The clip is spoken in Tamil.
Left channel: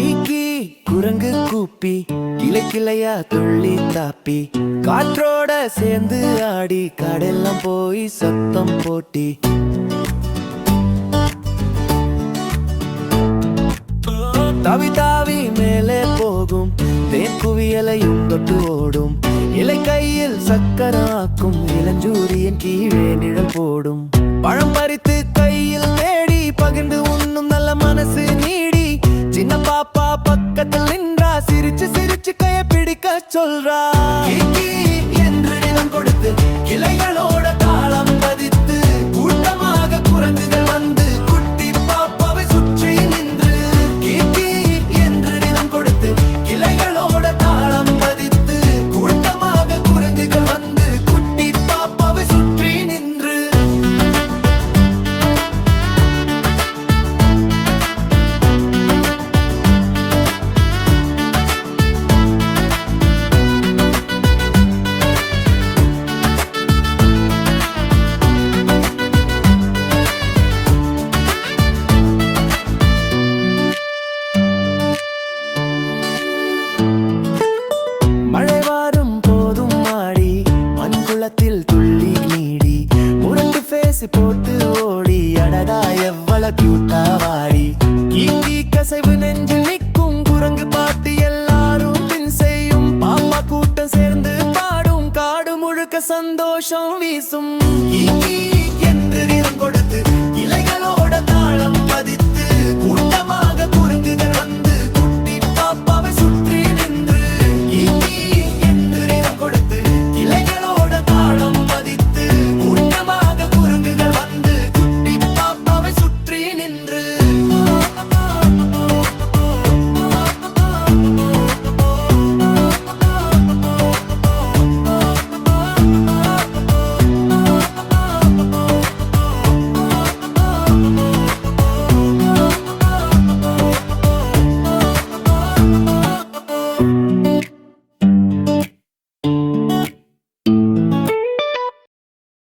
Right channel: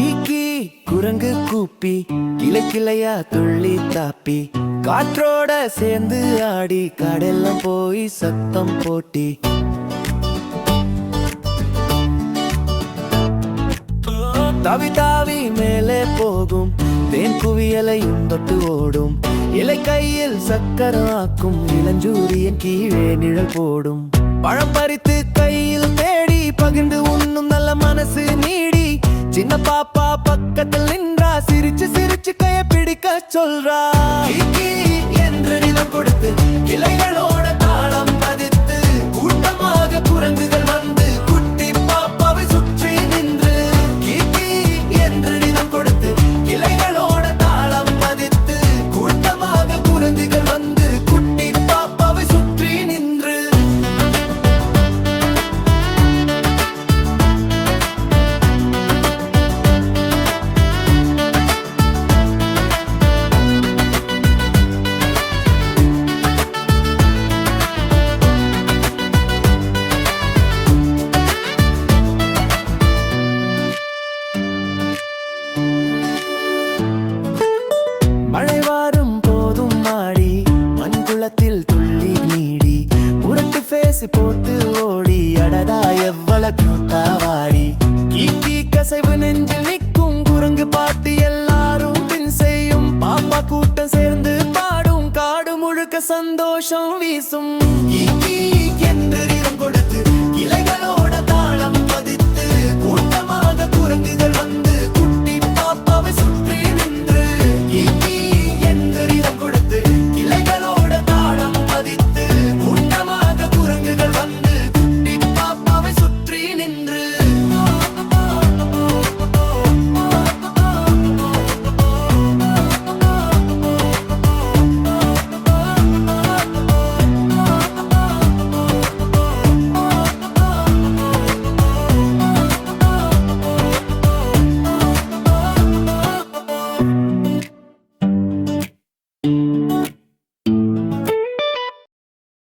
கீக்கி குரங்கு கூப்பி கிளை கிளையா துள்ளி தாப்பி காற்றோட சேர்ந்து ஆடி கடெல்லாம் போய் சத்தம் போட்டி தாவி தாவி மேலே போகும் தேன் குவியலையும் தொட்டு ஓடும் இலை கையில் சக்கராக்கும் இளஞ்சூரியன் கீழே நிழல் போடும் பழம் பறித்து கையில் தேடி பகிர்ந்து உண்ணும் நல்ல மனசு நீடி சின்ன பாப்பா பக்கத்தில் நின்றா சிரிச்சு சிரிச்சு கைய பிடிக்க சொல்றா கீக்கி என்று நிதம் கொடுத்து கிளைகளோட தாளம் பதித்து கூட்டமாக குரங்குகள் வந்து குட்டி பாப்பாவை சுற்றி நின்று கீக்கி என்று நிதம் கொடுத்து கிளைகளோட தாளம் பதித்து கூட்டமாக குரங்குகள் வந்து குட்டி பாப்பாவை சுற்றி நின்று மழை வாரும் போதும் மாடி மண்குளத்தில் துள்ளி நீடி முரட்டு பேசி போட்டு ஓடி அடடா எவ்வளவு கியூட்டா வாடி கீக்கி கசைவு நெஞ்சில் நிற்கும் குரங்கு பாட்டு எல்லாரும் பின் செய்யும் பாப்பா கூட்டம் சேர்ந்து பாடும் காடு முழுக்க சந்தோஷம் வீசும் கீக்கி என்று நிறம் கொடுத்து இலைகளோட தாளம் பதித்து கூட்டமாக குரங்குகள் வந்து